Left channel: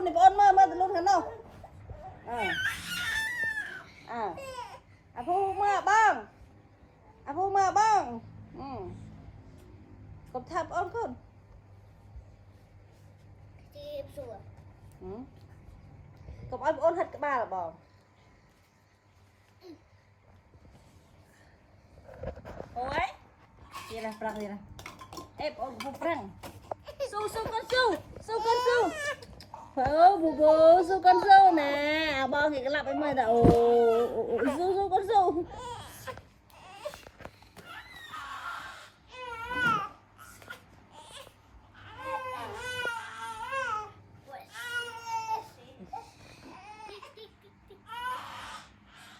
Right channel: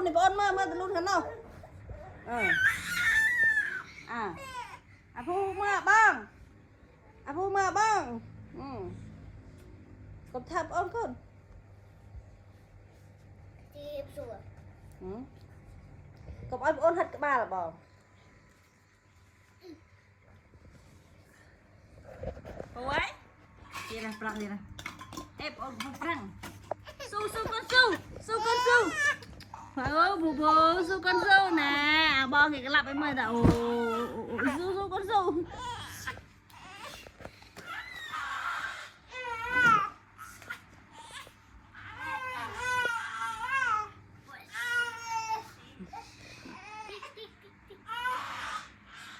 รุ่นนี่ปอนมาตะรุ่นกันเนาะพูมาบ้างพูมาบ้างกบทับอ้อนขึ้นจีบสวยกบอ้อนหัดกระบาลหรือเปล่าโอ้ยดีนะปลักดีนะอ้อนพลังสู้กันสู้กันสู้เฮ้ยบูสู้กันสู้นะบอลกี่กลับไปเมื่อแต่โอ้สู้กันสู้